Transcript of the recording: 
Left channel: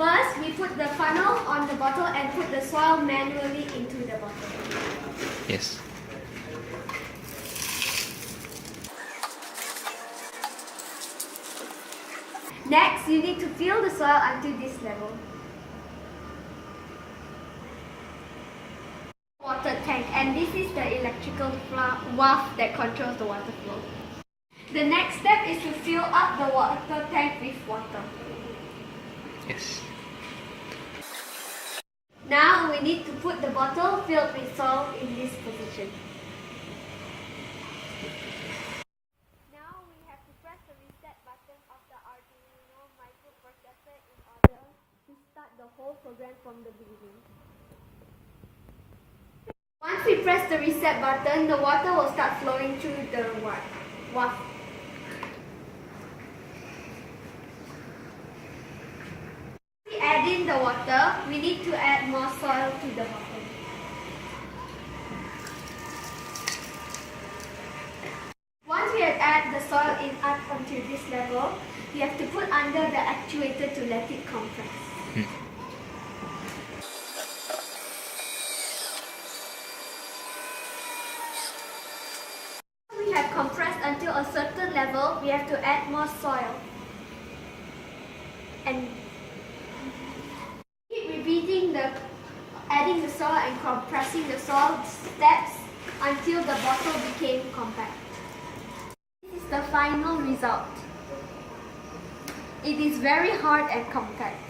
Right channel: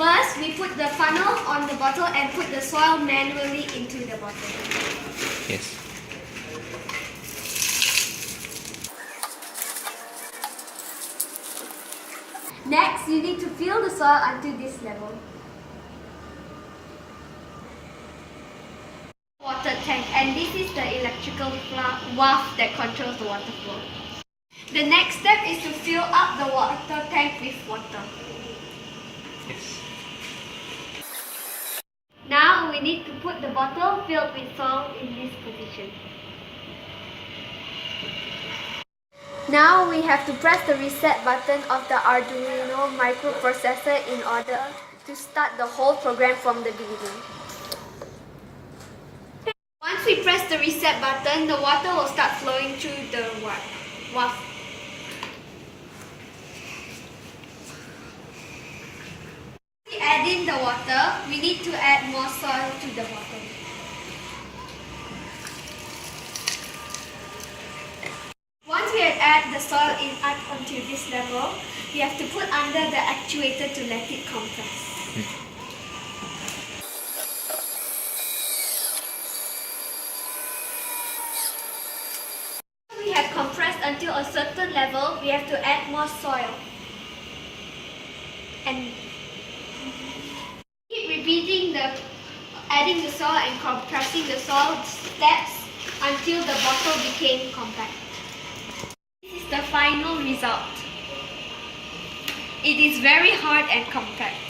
First, we put the funnel on the bottle and put the soil manually into the bottle. Yes. Next, you need to fill the soil until this level. Water tank, and this is the electrical valve that controls the water flow. The next step is to fill up the water tank with water. Yes. Now we need to put the bottle filled with soil in this position. Now we have to press the reset button of the Arduino microprocessor in order to start the whole program from the beginning. Once we press the reset button, the water will start flowing through the valve. To add in the water, we need to add more soil to the bottom. Once we have added the soil in up until this level, we have to put under the actuator to let it compress. When we have compressed until a certain level, we have to add more soil. And keep repeating adding the soil and compressing the soil steps until the bottle became compact. This is the final result. It is very hard and compact.